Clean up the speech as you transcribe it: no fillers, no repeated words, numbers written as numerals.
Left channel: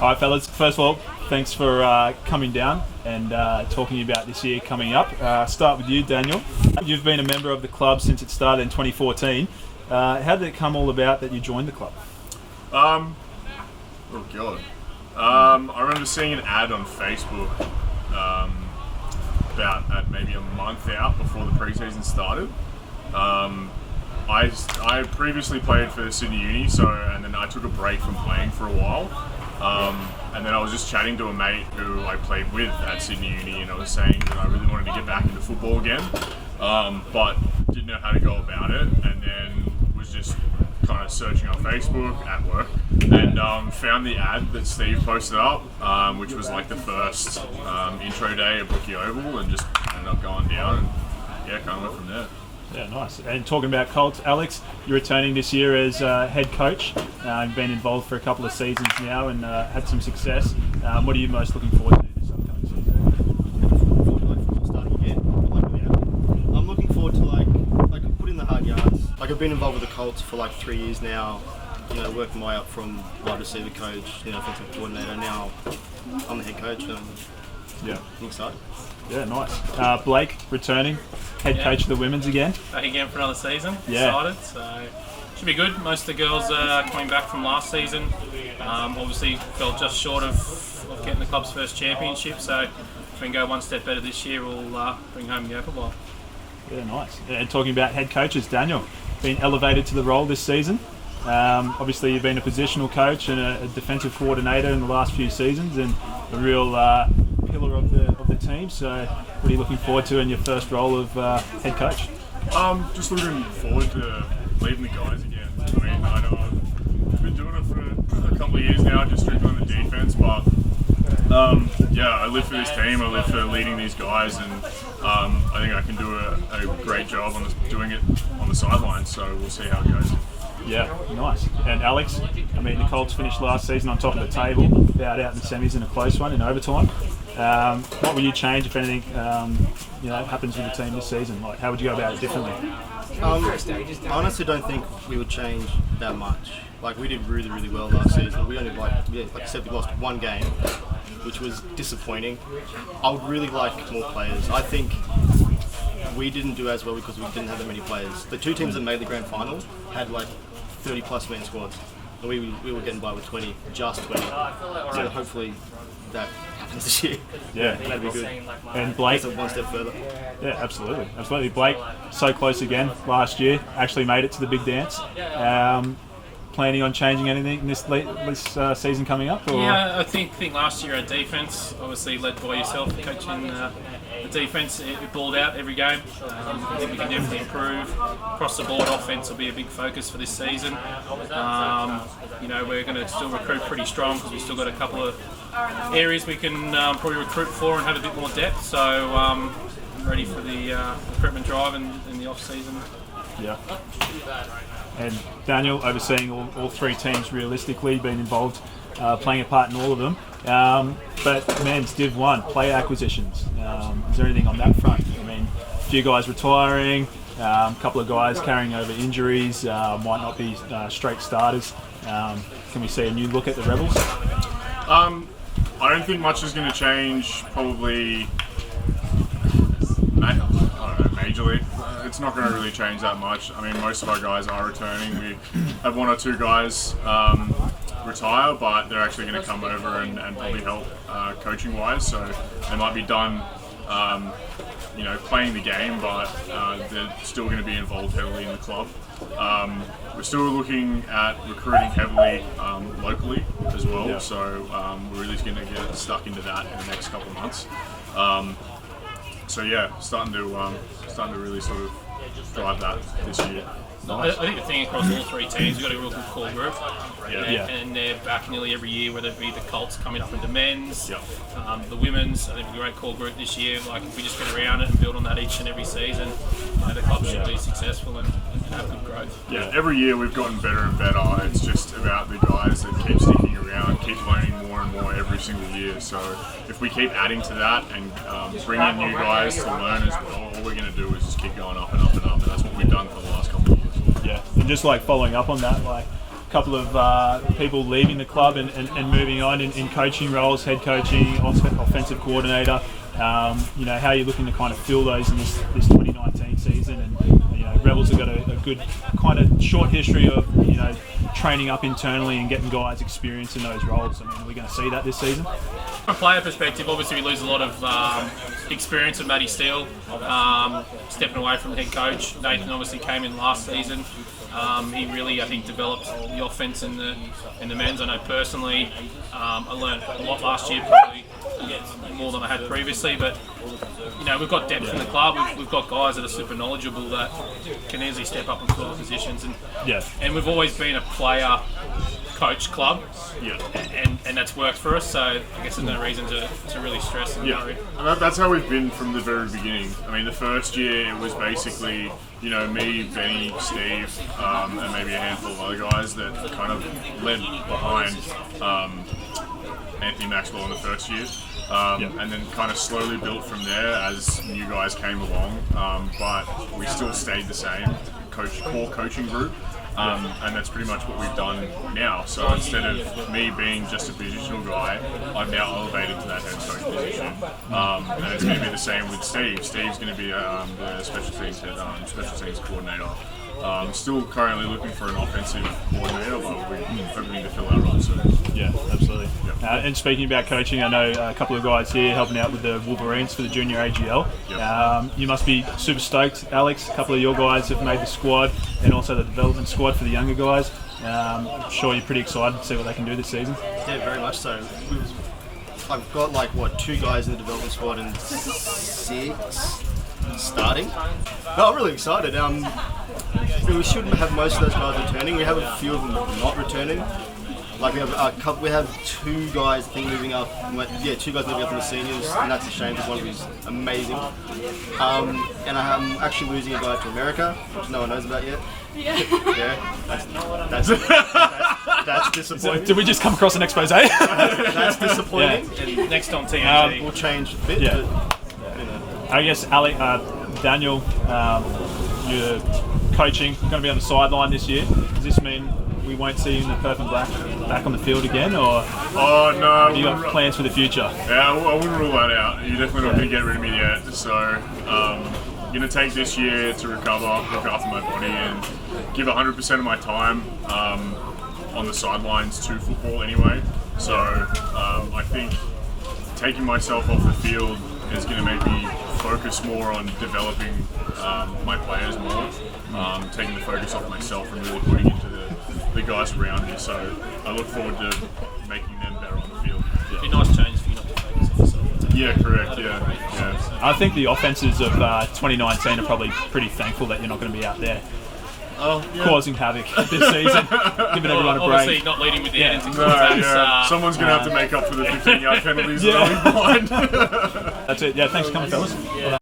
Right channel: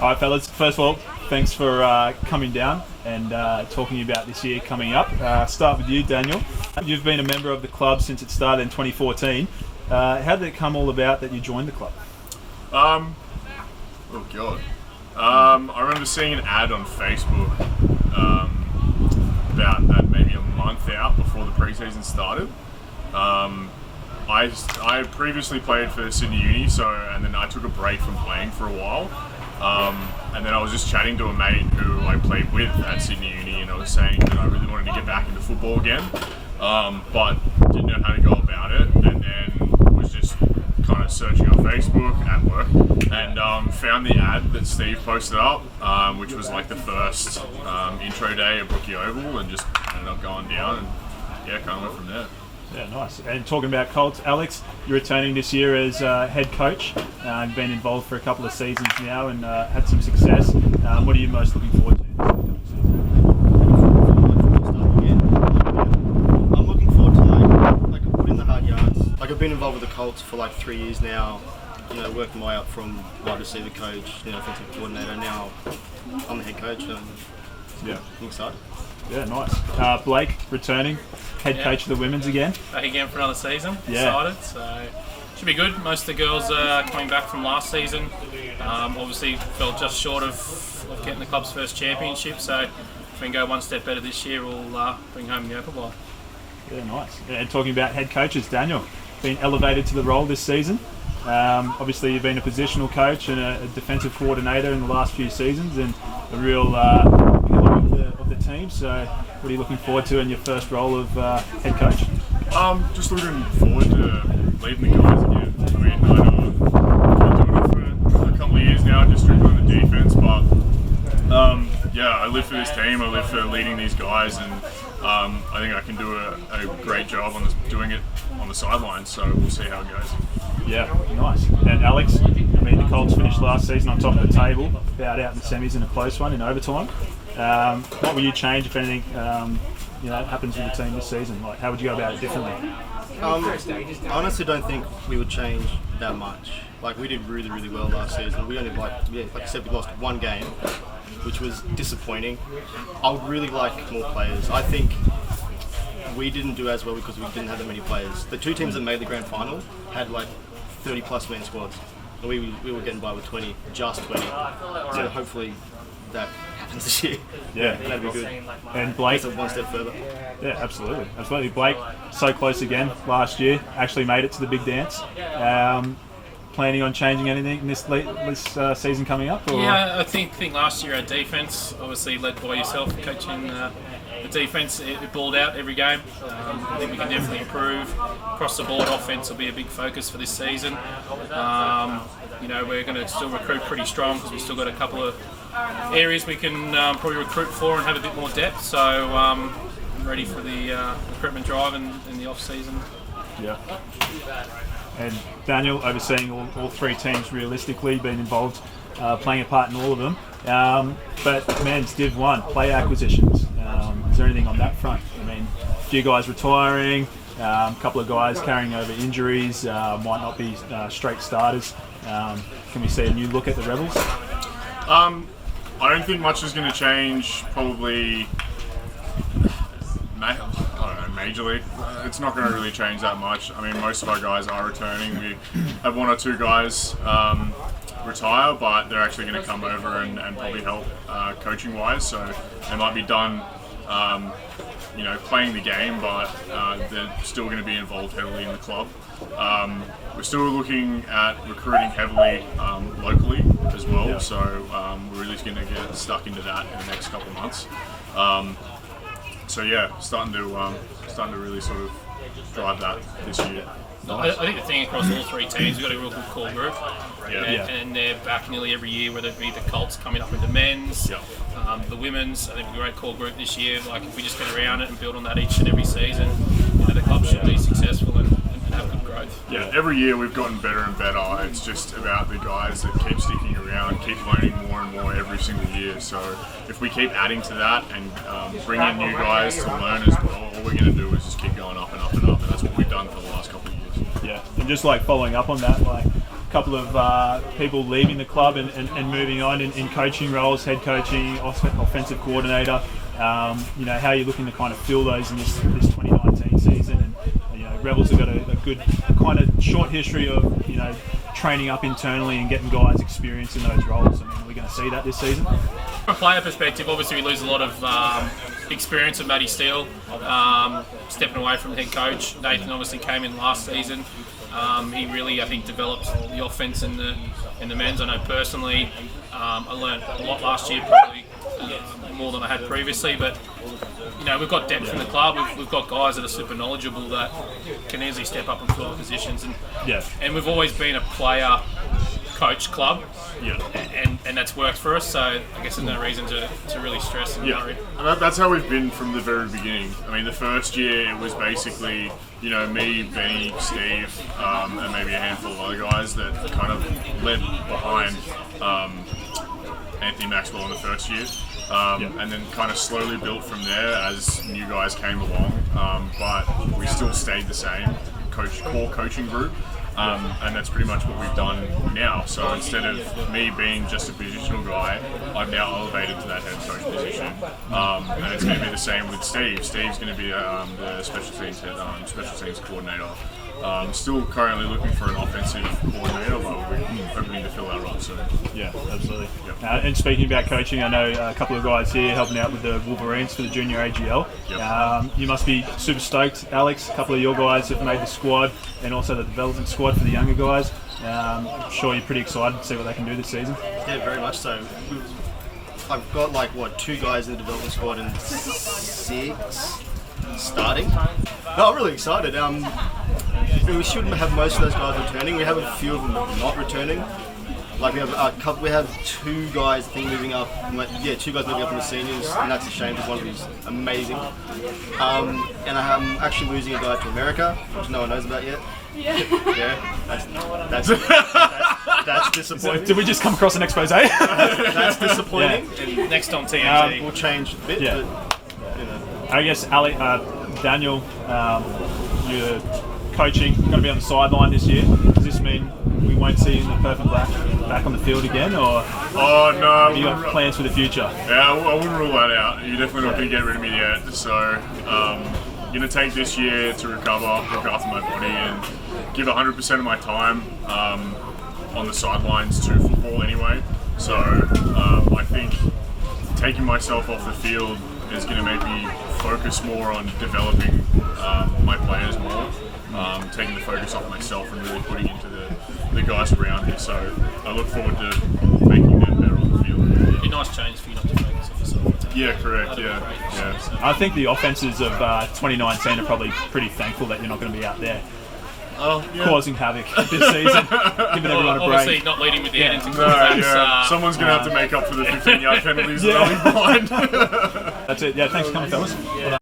All right, fellas. First of all, thanks for coming down and talking about this year coming up. Start with you, Daniel. You've been a member of the club since it started in 2014. How did it come all about that you joined the club? Oh god. I remember seeing an ad on Facebook about maybe a month out before the preseason started. I previously played for Sydney Uni, and then I took a break from playing for a while. And then I was just chatting to a mate who I played with at Sydney Uni, and I was saying that I really wanted to get back into football again, but didn't know how to go about it, and then was just kind of searching on Facebook at work and found the ad that Steve posted up, which was like the first intro day at Brookie Oval, and just ended up going down, and yeah, kind of went from there. Yeah, nice. And talking about Colts, Alex, you're returning this year as head coach. You've been involved for a couple of seasons now and had some success. What are you most looking forward to this upcoming season? Starting again. I'm looking forward to like I put in the hard yards. Like I've been involved with the Colts for like 3 years now. You know, working my way up from wide receiver coach, offensive coordinator. Now I'm the head coach, and I'm excited. Yeah, nice. Blake, returning, head coach of the women's again. Back again for another season. Yeah. Excited. So should be good. Most of the girls are coming back from last season. Obviously fell just short of getting the club's first championship. So if we can go one step better this year, we'll bring home the Opal Bowl. Yeah, nice. And talking about head coaches, Daniel, been elevated to the role this season. Obviously, you've been a positional coach and a defensive coordinator in the last few seasons, and a real pillar of the team. So, what are you looking forward to in your first role of head coach? Just looking forward to leading the guys again. I mean, I know I've been doing it for a couple of years now, just strictly on the defense, but I live for this team. I live for leading these guys, and I think I can do a great job on doing it on the sidelines. So we'll see how it goes. Yeah, nice. And Alex, I mean, the Colts finished last season on top of the table, bowed out in the semis in a close one in overtime. What will you change if anything happens with the team this season? Like, how would you go about it differently? I honestly don't think we would change that much. Like, we did really, really well last season. We only like I said, we lost one game, which was disappointing. I would really like more players. I think we didn't do as well because we didn't have that many players. The two teams that made the grand final had like 30 plus man squads, and we were getting by with 20, just 20. So hopefully that happens this year. Yeah, that'd be good. And Blake, that's one step further. Yeah, absolutely. Blake, so close again last year. Actually made it to the big dance. Planning on changing anything this season coming up? Or? Yeah, I think last year our defence, obviously led by yourself, coaching the defence, it balled out every game. I think we can definitely improve. Across the board, offence will be a big focus for this season. We're going to still recruit pretty strong because we've still got a couple of areas we can probably recruit for and have a bit more depth. So I'm ready for the recruitment drive in the off-season. Yeah. And Daniel, overseeing all three teams realistically, been involved, playing a part in all of them. But men's Div 1, player acquisitions. Is there anything on that front? I mean, a few guys retiring, a couple of guys carrying over injuries, might not be straight starters. Can we see a new look at the Rebels? I don't think much is going to change, probably, I don't know, majorly. It's not going to really change that much. I mean, most of our guys are returning. We have one or two guys retire, but they're actually going to come over and probably help coaching-wise. So they might be done, playing the game, but they're still going to be involved heavily in the club. We're still looking at recruiting heavily locally as well. Yeah. So we're really going to get stuck into that in the next couple of months. Starting to really sort of drive that this year. I think the thing across all three teams, we've got a real good core group. And they're back nearly every year, whether it be the Colts coming up with the men's, the women's. I think we've a great core group this year. Like, if we just get around it and build on that each and every season, the club should be successful and have good growth. Yeah, every year we've gotten better and better. It's just about the guys that keep sticking around, keep learning more and more every single year. So if we keep adding to that and bring in new guys to learn as well, all we're going to do is just keep going up and up and up, and that's what we've done for the last couple of years. Yeah, and just like following up on that, like couple of people leaving the club and moving on in coaching roles, head coaching, offensive coordinator. You know, how are you looking to kind of fill those in this 2019 season? And you know, Rebels have got a good kind of short history of, you know, training up internally and getting guys experience in those roles. I mean, are we going to see that this season? From a player perspective, obviously we lose a lot of experience of Matty Steele, stepping away from head coach. Nathan obviously came in last season. He really, I think, developed the offense in the men's. I know personally, I learned a lot last year, probably more than I had previously. But you know, we've got depth in the club. We've got guys that are super knowledgeable that can easily step up and fill the positions. And we've always been a player coach club, and that's worked for us, so I guess there's no reason to really stress and worry. And that's how we've been from the very beginning. I mean, the first year it was basically, you know, me, Benny, Steve, and maybe a handful of other guys that kind of led behind Anthony Maxwell in the first year. And then kind of slowly built from there as new guys came along, but we still stayed the same core coaching group. And that's pretty much what we've done now. So instead of me being just a positional guy, I've now elevated to that head coach position. And it's going to be the same with Steve. Steve's going to be the special teams coordinator. Still currently looking for an offensive coordinator, but we're hoping to fill that role soon. Yeah, absolutely. Yep. And speaking about coaching, I know a couple of guys here helping out with the Wolverines for the junior AGL. Yep. You must be super stoked, Alex. A couple of your guys have made the squad, and also the development squad for the younger guys. I'm sure you're pretty excited to see what they can do this season. Yeah, very much so. I've got like 2 guys in the development squad and 6 starting. No, I'm really excited. We shouldn't have most of those guys returning. We have a few of them not returning. Like we have 2 guys, I think, moving up. 2 guys moving up from the seniors, and that's a shame because one of them is amazing. And I'm actually losing a guy to America, which no one knows about yet. Yeah, that's disappointing. Did we just come across an expose? That's disappointing. Yeah. And Next on TNT. we'll change a bit, Yeah. but you know. I guess Daniel, you're coaching, you're going to be on the sideline this year. Does this mean we won't see you in the purple and black back on the field again, or Oh no! have you got plans for the future? Yeah, I wouldn't rule that out. You're definitely not going to get rid of me yet. So, I'm going to take this year to recover, look after my body, and give 100% of my time on the sidelines to football anyway. So, I think taking myself off the field is going to make me focus more on developing my players more, taking the focus off myself and really putting into the guys around me. So I look forward to making them better on the field. It'd be a nice change for you not to focus on the side. Yeah, correct. Yeah. I think the offenses of 2019 are probably pretty thankful that you're not going to be out there causing havoc this season, giving everyone a break. Obviously not leading with the end. Someone's going to have to make up for the 15-yard penalties that I'll be behind. That's it. Yeah, thanks for coming, fellas. Well done.